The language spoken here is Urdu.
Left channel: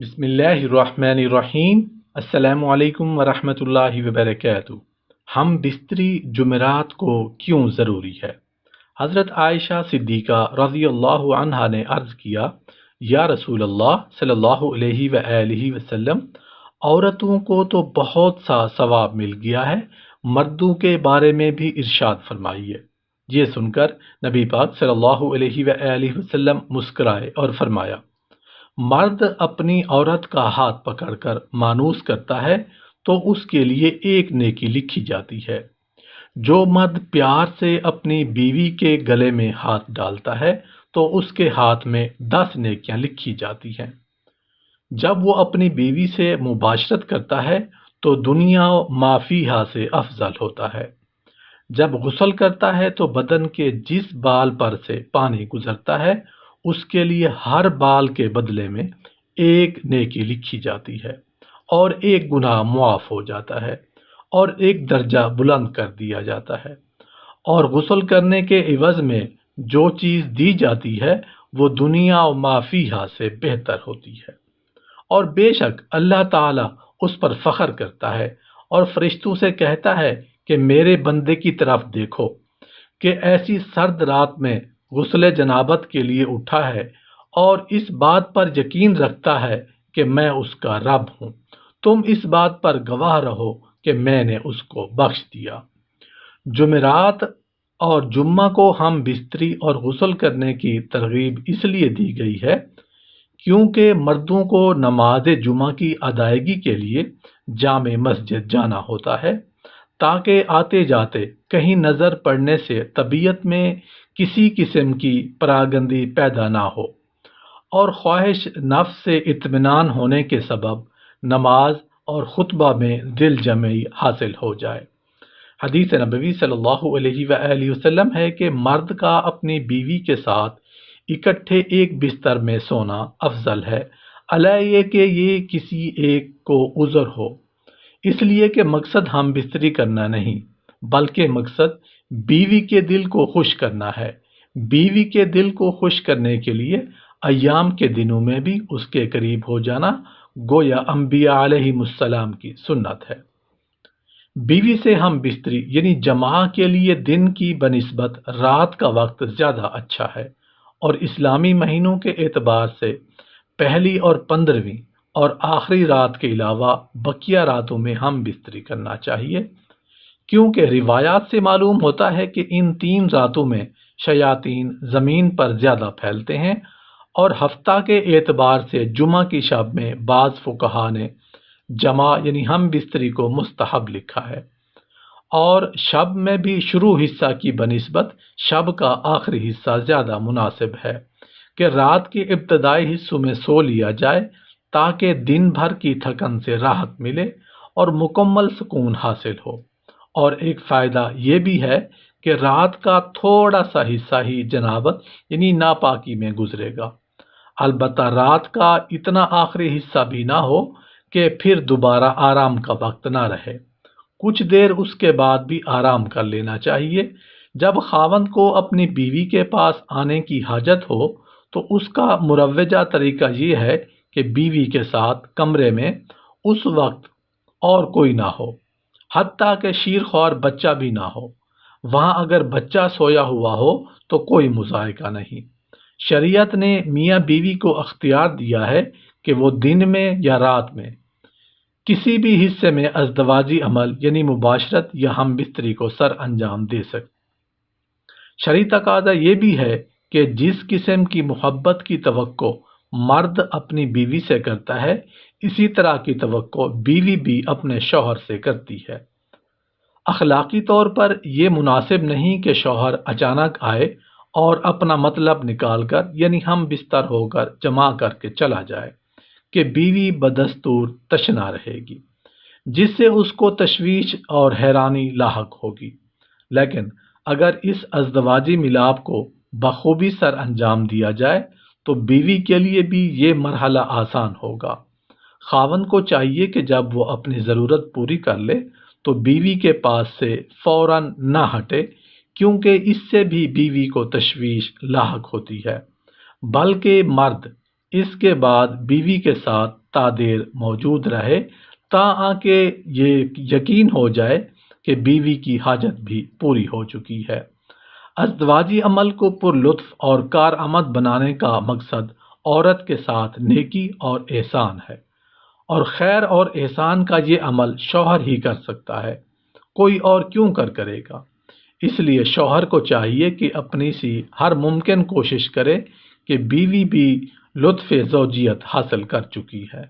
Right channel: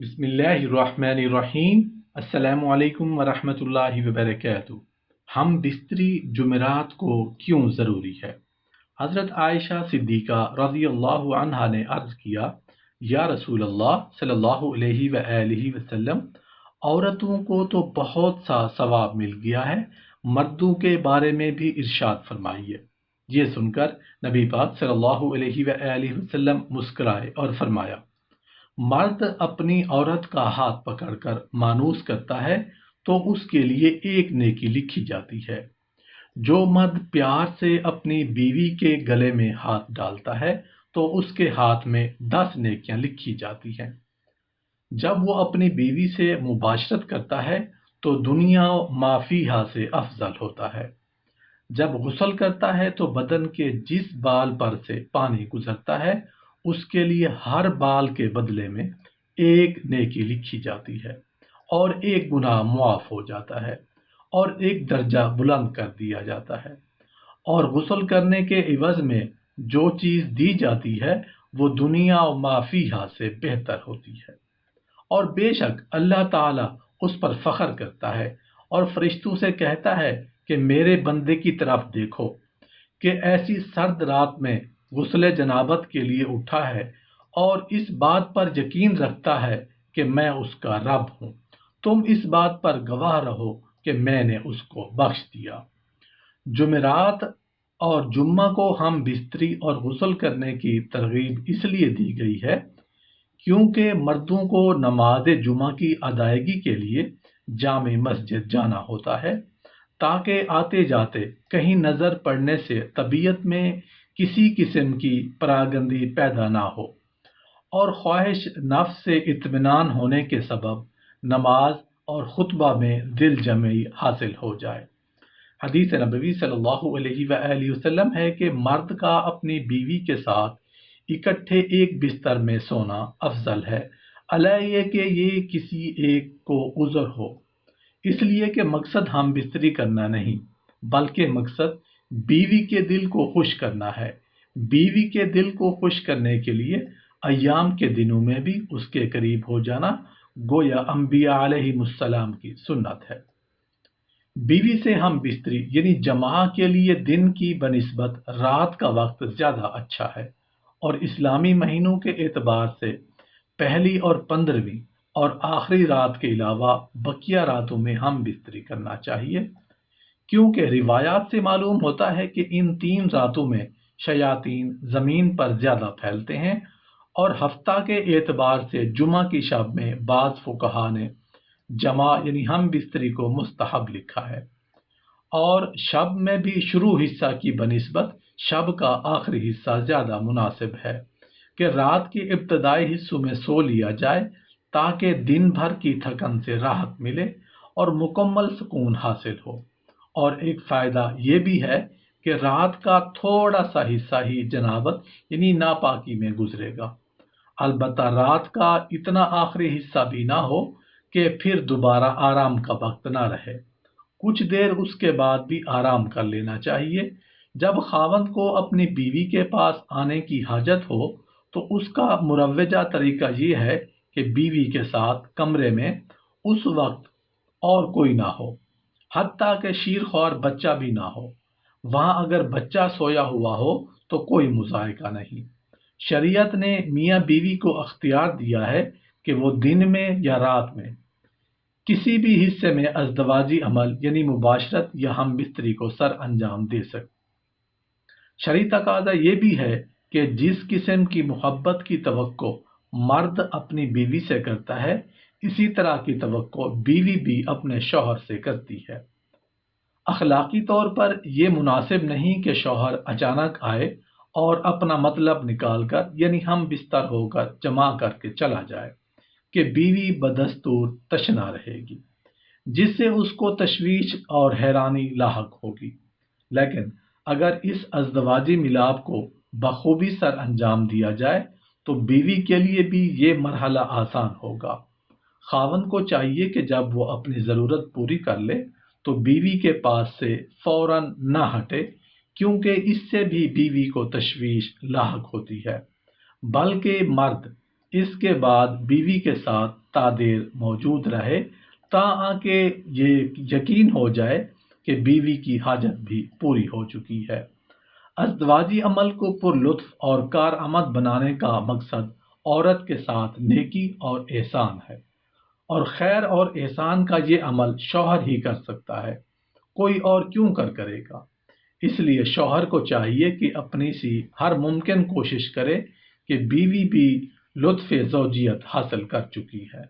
بسم اللہ الرحمن الرحیم۔ السلام علیکم ورحمۃ اللہ وبرکاتہ۔ ہم بستری جمعرات کو کیوں ضروری ہے؟ حضرت عائشہ صدیقہ رضی اللہ عنہا نے عرض کیا، یا رسول اللہ صلی اللہ علیہ وآلہ وسلم، عورتوں کو تو بہت سا ثواب مل گیا ہے، مردوں کے بارے میں بھی ارشاد فرمائیے۔ یہ سن کر نبی پاک صلی اللہ علیہ وآلہ وسلم مسکرائے اور فرمایا، مرد اپنی عورت کا ہاتھ پکڑ کر مانوس کرتا ہے تو اس کے لیے ایک نیکی لکھی جاتی ہے۔ جو مرد پیار سے اپنی بیوی کے گلے میں ہاتھ ڈالتا ہے تو اس کے ہاتھ میں 10 نیکیاں لکھی جاتی ہیں۔ جب وہ اپنی بیوی سے مباشرت کرتا ہے تو دنیا ما فیہا سے افضل ہوتا ہے۔ جب غسل کرتا ہے تو بدن کے جس بال پر سے پانی گزرتا ہے اس کے لیے ہر بال کے بدلے میں ایک نیکی لکھی جاتی ہے اور ایک گناہ معاف ہو جاتا ہے اور ایک درجہ بلند کر دیا جاتا ہے، اور غسل کرنے کے عوض میں جو چیز دی جاتی ہے وہ دنیا و ما فیہا سے بہتر ہوتی ہے۔ اور بے شک اللہ تعالیٰ اس پر فخر کرتا ہے اور فرشتوں سے کہتا ہے کہ میرے بندے کی طرف دیکھو کہ ایسی سرد رات میں غسل جنابت کے لیے اٹھا ہے اور اس بات پر یقین رکھتا ہے کہ میں اس کا رب ہوں۔ تم اس بات پر گواہ رہو کہ میں نے اس کو بخش دیا۔ جمعرات اور جمعہ کو ہم بستری اور غسل کرنے کی ترغیب اس لیے دی گئی ہے کیونکہ مردوں کو نماز جمعہ کی ادائیگی کے لیے جامع مسجد جانا ہوتا ہے تاکہ آتے جاتے کہیں نظر پڑنے سے طبیعت میں کسی قسم کی پراگندی پیدا نہ ہو، اور خواہش نفس سے اطمینان ہونے کے سبب نماز اور خطبہ میں دل جمعی حاصل ہو جائے۔ حدیث نبوی صلی اللہ علیہ وآلہ وسلم ہے کہ مرد کا اپنی بیوی کے ساتھ اکٹھے ایک بستر میں سونا افضل ہے، علیہ یہ کہ یہ کسی ایک کو عذر ہو، اس لیے کہ مقصد ہم بستری کرنا نہیں بلکہ مقصد بیوی کے دل کو خوش کرنا ہے۔ بیوی کے دل کو خوش کرنے کے لیے ایام کے دنوں میں بھی اس کے قریب ہو جانا گویا انبیاء علیہ السلام کی سنت ہے۔ بیوی سے ہم بستری یعنی جماع کے لیے دن کی بنسبت رات کا وقت زیادہ اچھا ہے، اور اسلامی مہینوں کے اعتبار سے پہلی اور 15ویں اور آخری رات کے علاوہ بقیہ راتوں میں ہم بستری کرنا چاہیے، کیونکہ روایات سے معلوم ہوتا ہے کہ ان 3 راتوں میں شیاطین زمین پر زیادہ پھیلتے ہیں، اور ہفتہ کے اعتبار سے جمعہ کی شب میں بعض فقہا نے جماع یعنی ہم بستری کو مستحب لکھا ہے، اور شب میں بھی شروع حصہ کی بنسبت شب کا آخری حصہ زیادہ مناسب ہے کہ رات کے ابتدائی حصوں میں سو لیا جائے تاکہ دن بھر کی تھکن سے راحت ملے اور مکمل سکون حاصل ہو۔ اور ایک فائدہ یہ بھی ہے کہ رات کا تھوڑا سا حصہ ہی جنابت یعنی ناپاکی میں گزرے گا، البتہ رات کا اتنا آخری حصہ بھی نہ ہو کہ پھر دوبارہ آرام کا وقت نہ رہے۔ کچھ دیر اس کے بعد بھی آرام کر لینا چاہیے۔ جب خاوند کو اپنی بیوی کے پاس آنے کی حاجت ہو تو اس کا مروجہ طریقہ یہ ہے کہ بیوی کے ساتھ کمرے میں اس وقت اور کوئی نہ ہو، حتیٰ کہ شیرخوار بچہ بھی نہ ہو۔ وہاں اگر بچہ سویا ہوا ہو تو کوئی مضائقہ نہیں۔ شریعت نے میاں بیوی کو اختیار دیا ہے کہ وہ دن میں یا رات میں کسی بھی حصے میں ازدواجی عمل یعنی مباشرت یا ہم بستری کو سر انجام دے سکے۔ شرعی تقاضا یہ بھی ہے کہ جس قسم کی محبت کی توقع مرد اپنی بیوی سے کرتا ہے اسی طرح کی توقع بیوی بھی اپنے شوہر سے کرتی ہے۔ اخلاقی طور پر یہ مناسب نہیں کہ شوہر اچانک آئے اور اپنا مطلب نکال کر یعنی ہم بستر ہو کر جمع کر کے چلا جائے کہ بیوی بدستور تشنا رہے گی، جس سے اس کو تشویش اور حیرانی لاحق ہوگی۔ لیکن اگر اس ازدواجی ملاپ کو بخوبی سر انجام دیا جائے تو بیوی کے لیے بھی یہ مرحلہ آسان ہوگا۔ خاوند کو چاہیے کہ جب وہ اپنی ضرورت پوری کر لے تو بیوی کے پاس سے فوراً نہ ہٹے، کیونکہ اس سے بھی بیوی کو تشویش لاحق ہوتی ہے، بلکہ مرد اس کے بعد بیوی کے ساتھ تادیر موجود رہے تاکہ یہ یقین ہو جائے کہ بیوی کی حاجت بھی پوری ہو چکی ہے۔ ازدواجی عمل کو پر لطف اور کارآمد بنانے کا مقصد عورت کے ساتھ نیکی اور احسان ہے، اور خیر اور احسان کا یہ عمل شوہر ہی کر سکتا ہے، کوئی اور کیوں کرے گا؟ اس لیے شوہر کو چاہیے کہ اپنی سی ہر ممکن کوشش کرے کہ بیوی بھی لطف زوجیت حاصل کر چکی ہے۔